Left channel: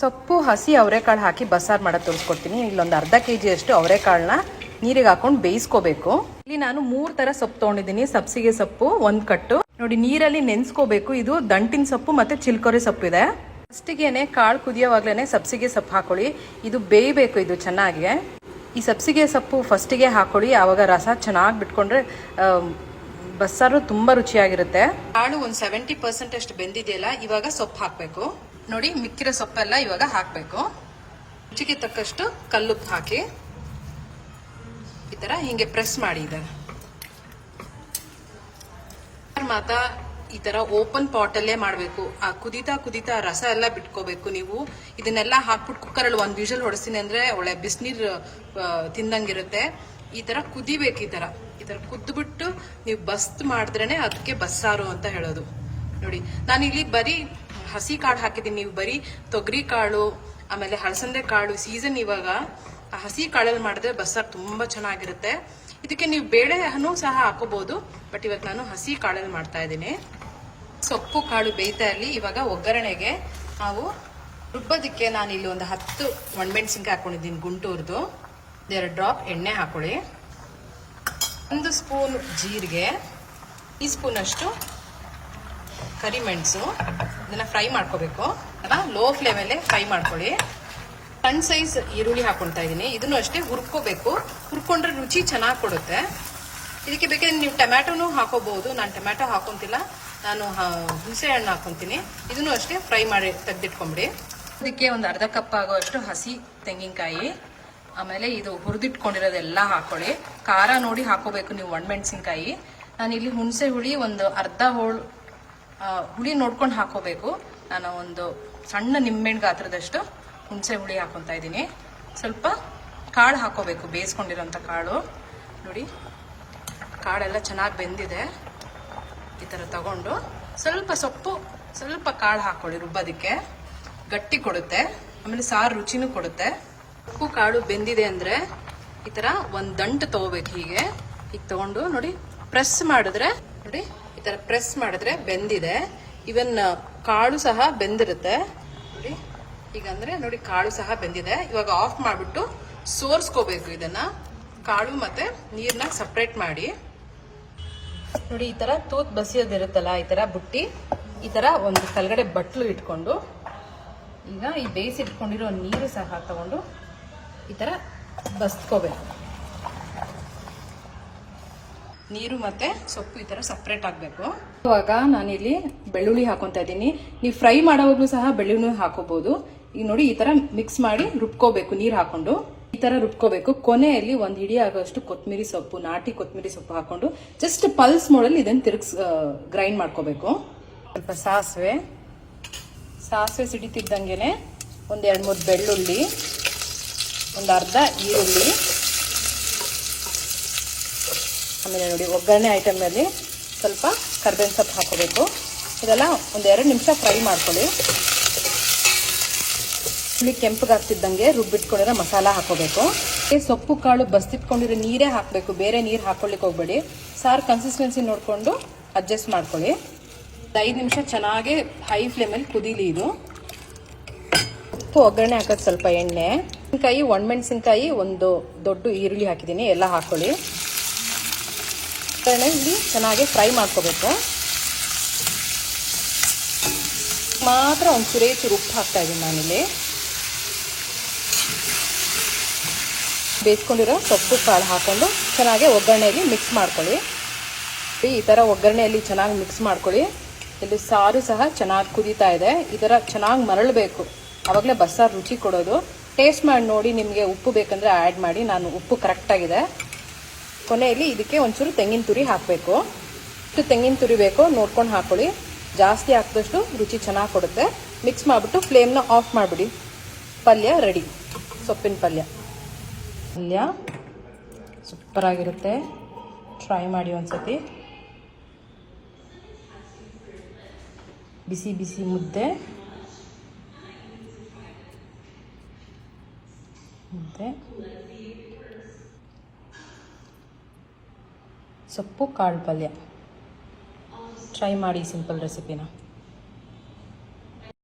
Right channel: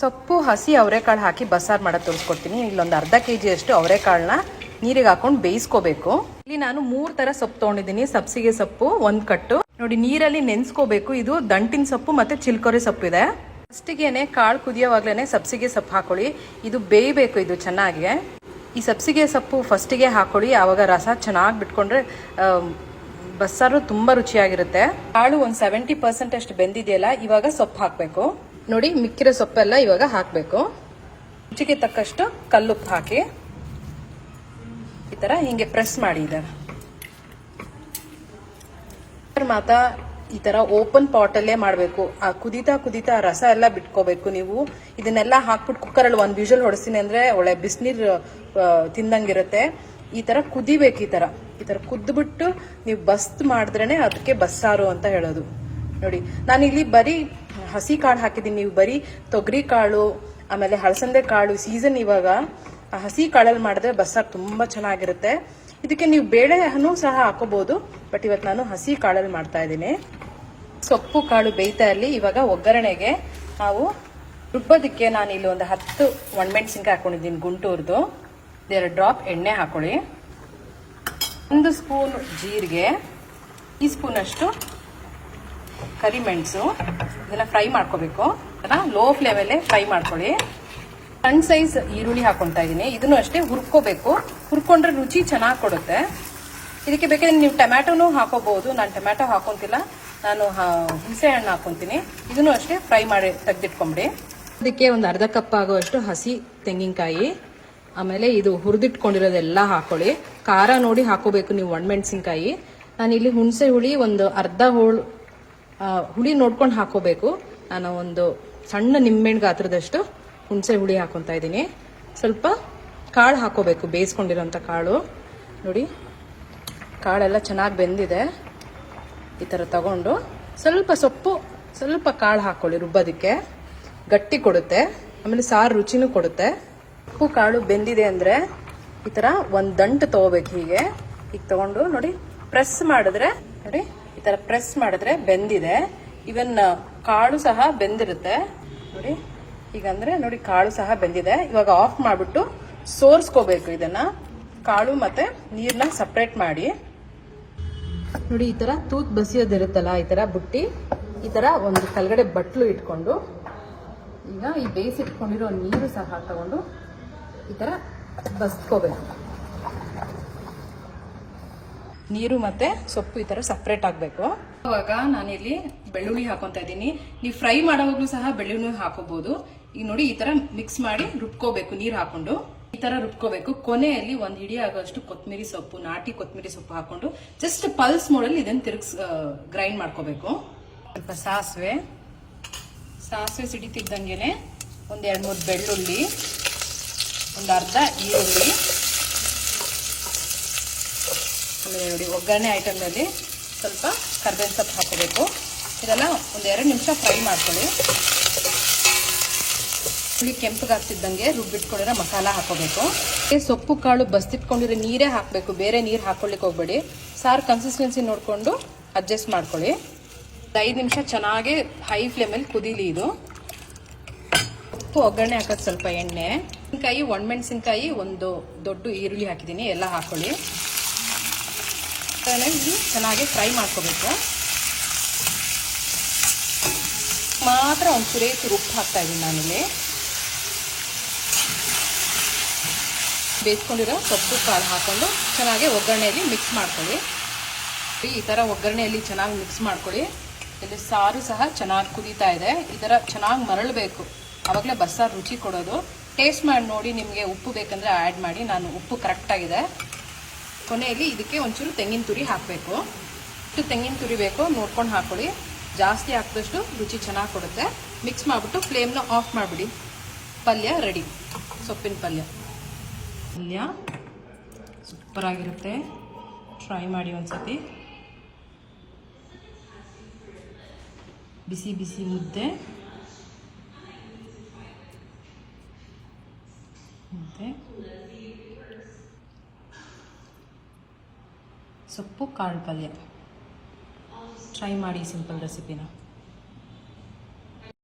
ಸೊಪ್ಪು ಹಸಿ ಅವರೆಕಾಳು ಹಾಕಿ ಬಸ್ಸಾರು ಮಾಡೋದು ತೋರಿಸ್ಕೊಡ್ತೀನಿ. ಇಲ್ಲೊಂದು ಅರ್ಧ ಕೆಜಿ ಅಷ್ಟು ಅವರೆಕಾಳನ್ನ ನೀರಿಗೆ ಹಾಕೊಂಡು ಬೇಯಿಸ್ಕೋಬೇಕು. ಇಲ್ಲಿ ನಾನು 3 ತರ ಸೊಪ್ಪು ತೊಗೊಂಡಿದ್ದೀನಿ. ಸಬ್ಸಿಗೆ ಸೊಪ್ಪು 1 ಕಟ್ಟು ನೋಡಿ, ನೀರಲ್ಲಿ ನೆನೆಸ್ಕೋಬೇಕು. ಇದು ದಂಟಿನ ಸೊಪ್ಪು ಮತ್ತೆ ಚಿಲ್ಕೊರೆ ಸೊಪ್ಪು ಇದೆ. ಫಸ್ಟಿಗೆನೆ ಕಾಳು ಕುದಿಯೋವಾಗ್ಲೇನೆ ಸಬ್ಸಿಗೆ ಸೊಪ್ಪು ಹಾಕೊಳ್ಳಿ. ಇದು ಬೇಯಬೇಕು ಇದು ಚೆನ್ನಾಗಿ. ಈ ಸಬ್ಸಿಗೆ ಸೊಪ್ಪು ಫಸ್ಟಿಗೆ ಹಾಕೊಳ್ಳಿ, ಆವಾಗ ರಸ ಚೆನ್ನಾಗಿ ಬಿಟ್ಕೊಂಡ್ರೆ ಬಸ್ಸಾರು ತುಂಬಾ ರುಚಿಯಾಗಿರುತ್ತೆ. ಕಾಳು ಒಂದು 70% ಅಷ್ಟು ಬೆಂದಿದೆಯಲ್ಲ, ಇವಾಗ ಸೊಪ್ಪು ಹಾಕಬೇಕು. ನೋಡಿ, ಮಿಕ್ಕಿರೋ ಸೊಪ್ಪೆಲ್ಲ ಇವಾಗ ಹಾಕಬೇಕು. ರುಚಿಗೆ ತಕ್ಕಷ್ಟು ಕಲ್ಲುಪ್ಪು ಹಾಕಿ ಈ ತರ ಹಿಂಗೆ ಪ್ರೆಸ್ ಮಾಡಿ. ಮಾತಾ ಈ ತರ ಓಪನ್ ಪಾಟ್ ಅಲ್ಲೇ ಮಾಡಬೇಕು. ಆ ಕುದೀತಾ ರಸ ಎಲ್ಲ ಬಿಟ್ಕೋಬೇಕು. ನೀವು ಇದನ್ನೆಲ್ಲ ಹಾಕ್ಬಿಟ್ಟು ಕುಕ್ಕರಲ್ಲಿ 1 ವಿಷಲ್ ಹೊಡಿಸ್ತೀನಿ ಅಂದ್ರೆ ಒಳ್ಳೆ ಬಿಸಿನೀರು ತಿಂದಂಗಿರುತ್ತೆ. ಈ ತರ ಕುದಿಬೇಕು. ಈ ತರ ಕುದ್ಬಿಟ್ಟು ನೀವು ಬಸ್ತ್ ಮಾಡಿದ್ರೇನೆ ಅದಕ್ಕೆ ಬಸ್ಸಾರು ಅಂತ ಹೇಳೋದು. ನೋಡಿ, ನಾನಿಲ್ಲಿ ಬರೀ ಹಸಿ ಕಾಳು ಹಾಕಿದ್ದೀನಿ. ನೀವು ಬರೀ ತೊಗರಿ ಕಾಳು ಆಮೇಲೆ ಹಳಸಂದೆ ಕಾಳು ಸೀಸನ್ ಇವಾಗ. ಆ ಹಸಿ ಕಾಳಲ್ಲಿ ಮಾಡಿದ್ರೆ ಬಸ್ಸಾರು ತುಂಬಾ ಚೆನ್ನಾಗಿರುತ್ತೆ. ಇದಕ್ಕೆ ನೀವು ಬೇಳೆನೂ ಸಹ ಹಾಕೋಬಹುದು, ಬಟ್ ಇವತ್ತು ನಾನು ಹಸಿ ಕಾಳಲ್ಲಿ ಮಾಡ್ತಾ ಇದ್ದೀನಿ. ಸೊಪ್ಪು ಕಾಳು ಬೇಯ್ತಾ ಇರಲಿ. ಇವಾಗ ಒಗ್ಗರಣೆಗೆ ನಾವು ರುಬ್ಬೋದಕ್ಕೆ ನಾನು ಇಲ್ಲಿ ಒಂದು 10 ಒಣಮೆಣಸಿನ್ಕಾಯಿ ಹಾಕೊಂಡಿದ್ದೀನಿ ಗುಂಟೂರ್ದು. 2 ಡ್ರಾಪ್ ಎಣ್ಣೆ ಹಾಕೊಳ್ಳಿ. 1 ಸ್ಪೂನ್ ಜೀರಿಗೆ, ಟೀಸ್ಪೂನ್ ಅಷ್ಟು ಕರಿಮೆಣಸು. ಇದನ್ನ ಫ್ರೈ ಮಾಡ್ಕೋಬೇಕು. ಲೋ ಫ್ಲೇಮಲ್ಲೇ ಫ್ರೈ ಮಾಡ್ಕೊಳ್ಳಿ. ಸಣ್ಣ ಸೈಜ್ ಈರುಳ್ಳಿ ಹಾಕೊಳ್ತಾ ಇದ್ದೀನಿ. ಇದನ್ನು ಅಷ್ಟೇ ಹುರ್ಕೋಬೇಕು. ಹುರ್ಕೊಂಡ್ರೆ ರುಚಿ ಚೆನ್ನಾಗಿ ಕೊಡುತ್ತೆ. ಇದಕ್ಕೆ ಬೇಕಾದ್ರೆ ನೀವು ಟೊಮ್ಯಾಟೋನು ಹಾಕೋಬಹುದು. ನಾನು ಟೊಮ್ಯಾಟೊ ಹಾಕೊಂತಿಲ್ಲ, ನಾನು ಹುಣಸೆ ಹಣ್ಣು ಹಾಕೊಂತೀನಿ. ಇದನ್ನು ಅಷ್ಟೇ ಫ್ರೈ ಮಾಡಿ ತೆಗೆದಿಟ್ಕೊಂಬಿಡಿ. ಇದಕ್ಕೆ ಒಂದು ಅರ್ಧ ಕಪ್ ಆಗೋಷ್ಟು ಹಸಿ ತೆಂಗಿನಕಾಯಿ, ಆಮೇಲೆ ಇದು ಹುರಿದಿಟ್ಕೊಂಡಿರೋದೆಲ್ಲ ಹಾಕೊಳ್ಳಿ. ಖಾರ ನೋಡಿ ಹಾಕೋಬೇಕು ನೀವು ಒಣಮೆಣಸಿನ್ಕಾಯಿ. ನಾನಿಲ್ಲಿ ಹುಣಸೆ ಹುಳಿ ಒಂದು ಅರ್ಧ ಹೋಳು ಹುಳಿ ನೋಡ್ಕೊಂಡು ಹಾಕೋಬೇಕು. ನಾನು ಒಂದು ಸಣ್ಣ ನಿಂಬೆಹಣ್ಣು ಗಾತ್ರದಷ್ಟು ಹುಣಸೆ ಹುಳಿ ಹಾಕೊತಾ ಇದ್ದೀನಿ. ಸ್ವಲ್ಪ ಕಾಳು ಹಾಕೋಬೇಕು, ಬೇಯಿಸ್ಕೊಂಡಿರೋಂಥ ಕಾಳು. ನೋಡಿ, ಕಾಳೆಲ್ಲ ಚೆನ್ನಾಗಿ ಬೆಂದಿದೆ. ಈ ಥರ ತಗೊಂಡು ಸ್ವಲ್ಪ ಸೊಪ್ಪು ಸ್ವಲ್ಪ ಕಾಳು ಹಾಕೊಳ್ಳಿ. ರುಬ್ಬೋದಕ್ಕೆ ಗಟ್ಟಿ ಕೊಡುತ್ತೆ, ಆಮೇಲೆ ಸಾರು ರುಚಿನೂ ಕೊಡುತ್ತೆ. ಸೊಪ್ಪು ಕಾಳು ಬೆಂದಿದೆ ಅಂದರೆ ಈ ಥರ ಒಂದು ದಂಟು ತಗೋಬೇಕು. ಹೀಗೆ ತಗೊಂಡು ನೋಡಿ ಪ್ರೆಸ್ ಮಾಡಿದ್ರೆ, ನೋಡಿ ಈ ಥರ ಪ್ರೆಸ್ ಮಾಡಿದ್ರೆ ಬೆಂದಿದೆ. ಇವನ್ ಕಾಳು ಸಹ ಬೆಂದಿರುತ್ತೆ ನೋಡಿ. ಈಗಂದ್ರೆ ನೋಡಿ ಕಾಳು ಸಹ ಬೆಂದಿದೆ. ಇವಾಗ ಆಫ್ ಮಾಡಿಬಿಟ್ಟು ಸೋರ್ಸ್ಕೋಬೇಕು. ಇದನ್ನ ಕಾಳು ಮತ್ತೆ ನೀರನ್ನ ಸಪ್ರೇಟ್ ಮಾಡಿ. ನೋಡಿ, ಈ ತರ ತೂತ್ ಬಸಿಯೋದಿರುತ್ತಲ್ಲ, ಈ ತರ ಬುಟ್ಟಿ, ಈ ತರ ಒಂದು ಕೆಳಗಡೆ ಬಟ್ಲು ಇಟ್ಕೊಂಡು ಈಗ ಈ ಬೇಯಿಸಿಟ್ಕೊಂಡಿರೋ ನೀರು ಸಹ ತಗೊಂಡು ಈ ತರ ಬಸ್ಕೋಬೇಕು. ನೀರು ಮತ್ತೆ ಸೊಪ್ಪು ಈ ತರ ಸಪ್ರೇಟ್ ಆಗಬೇಕು. ಇವಾಗ ನಾನಿಲ್ಲಿ ಬೆಳ್ಳುಳ್ಳಿ ಹಾಕೊಂತ ಇದ್ದೀನಿ. ನೀವು ಫ್ರೈ ಮಾಡೋವಾಗ್ಲೂ ಸಹ ಬೆಳ್ಳುಳ್ಳಿ ಹಾಕೋಬಹುದು. ಈಗ ನೋಡಿ, ಈ ತರ ಮಿಕ್ಸ್ ಮಾಡಿ ರುಬ್ಕೋಬೇಕು. ನೀರು ಹಾಕೊಂಡು ಈ ತರ ರುಬ್ಕೋಬೇಕು. ಕೊನೆಯಲ್ಲಿ 1 ಹಿಡಿ ಆಗೋಷ್ಟು ಕೊತ್ತಂಬರಿ ಸೊಪ್ಪು, ನಾಟಿ ಕೊತ್ತಂಬರಿ ಸೊಪ್ಪು ಹಾಕೊಂಡು ಜಸ್ಟ್ ಪಲ್ಸ್ ಮೋಡಲ್ಲಿ ಇದನ್ನ ಗ್ರೈಂಡ್ ಮಾಡ್ಕೋಬೇಕು. ಸ್ವಲ್ಪ ಸಾಸಿವೆ ಸಿಡಿತಿದ್ದಂಗೆನೆ ಒಂದ್ 2-3 ಬೆಳ್ಳುಳ್ಳಿ, ಒಂದು ಅರ್ಧ ಈರುಳ್ಳಿ, ಆಮೇಲೆ ನೋಡಿ ಒಗ್ಗರಣೆ ಐಟಮ್ನಲ್ಲಿ ಸ್ವಲ್ಪ ಕರ್ಬೇವಿನ ಸೊಪ್ಪು ಹಾಕೋಬೇಕು. ಇದೆಲ್ಲ ಒಂದು 2 ನಿಮಿಷ ಫ್ರೈ ಮಾಡ್ಕೊಳ್ಳಿ. ಇಲ್ಲಿ ಕೆಂಪಗಾಗ್ತಿದ್ದಂಗೆ ರುಬ್ಬಿಟ್ಕೊಂಡಿರೋ ಮಸಾಲ ಹಾಕೋಬೇಕು. ಸೊಪ್ಪು ಕಾಳು ಬಸ್ತಿಟ್ಕೊಂಡಿರೋ ನೀರೇ ಹಾಕಬೇಕು, ಬೇರೆ ನೀರು ಹಾಕೊಳ್ಳಿಕ್ಕೆ ಹೋಗ್ಬೇಡಿ. ಸಾರು ಕನ್ಸಿಸ್ಟೆನ್ಸಿ ನೋಡಿಕೊಂಡು ಅಡ್ಜಸ್ಟ್ ಮಾಡ್ಕೊಳ್ಳಿ. 5 ನಿಮಿಷ ಚೆನ್ನಾಗಿ ಹೈ ಫ್ಲೇಮಲ್ಲಿ ಕುದೀಲಿ ಇದು. ಒಗ್ಗರಣೆ ಹಾಕೋದು ಸ್ವಲ್ಪ ಎಣ್ಣೆ, ಒಣಮೆಣಸಿನ್ಕಾಯಿ, ಒಂದು ದೊಡ್ಡ ಈರುಳ್ಳಿ ಹಾಕಿದ್ದೀನಿ. ಎಲ್ಲ ಹಾಕೊಳ್ಳಿ. ಇಲ್ಲಿ ಚೆನ್ನಾಗಿ ಫ್ರೈ ಮಾಡ್ಕೋಬೇಕು. ಮಾತ್ರ ಒಂದು ಚೂರು ಉಪ್ಪು ಹಾಕ್ತಾ ಇದ್ದೀನಿ ನಾನಿಲ್ಲಿ. ಬೇಯಿಸ್ಕೊಂಡಿರೋ ಸೊಪ್ಪು ಕಾಳು ಹಾಕೊಂಡು ಚೆನ್ನಾಗಿ ಒಗ್ಗರಣೆಯಲ್ಲಿ ಮಿಕ್ಸ್ ಮಾಡ್ಕೊಳ್ಳಿ. ಈ ಥರ ಒಗ್ಗರಣೆಯಲ್ಲಿ ಚೆನ್ನಾಗಿ ಮಿಕ್ಸ್ ಮಾಡ್ಕೊಳ್ಳಿ. ಇಲ್ಲಿ ಸಾರು ಸಹ ಚೆನ್ನಾಗಿ ಕುದೀತಾ ಇದೆ. ಈ ಥರ ಚೆನ್ನಾಗಿ ಮರಳಬೇಕು, ಆವಾಗಲೇ ಬಸ್ಸಾರು ರುಚಿ ಕೊಡೋದು. ಟೇಸ್ಟ್ ಮಾಡಿ ನೋಡಿ, ನಿಮಗೆ ಉಪ್ಪು ಬೇಕಂದ್ರೆ ಆ್ಯಡ್ ಮಾಡಿ. ನಾನು ಉಪ್ಪು ಕರೆಕ್ಟಾಗಿದೆ. ಕೊನೆಯಲ್ಲಿ ಇದಕ್ಕೆ ಒಂಚೂರು ತೆಂಗಿನ ತುರಿ ಹಾಕಬೇಕು. ಇಷ್ಟು ತೆಂಗಿನ ತುರಿ ಬೇಕು ನೋಡ್ಕೊಂಡು ಹಾಕೊಳ್ಳಿ. ಜಾಸ್ತಿ ಹಾಕಿದಷ್ಟು ರುಚಿ ಚೆನ್ನಾಗಿ ಕೊಡುತ್ತೆ. ಮಿಕ್ಸ್ ಮಾಡಿಬಿಟ್ಟು ಫ್ಲೇಮ್ನ ಆಫ್ ಮಾಡಿಬಿಡಿ. ಪಲ್ಯ ರೆಡಿ. ಸೊಪ್ಪಿನ ಪಲ್ಯ ಸೂಪರ್ ಆಗಿರುತ್ತೆ. ಟ್ರೈ ಮಾಡಿ ಒಂದ್ಸತಿ. ಬಿಸಿ ಬಿಸಿ ಮುದ್ದೆ ಸೊಪ್ಪು ಕಾಳು ಪಲ್ಯ ಟ್ರೈ ಮಾಡಿ. ಸಿಂಪಲ್ ರೆಸಿಪಿನ.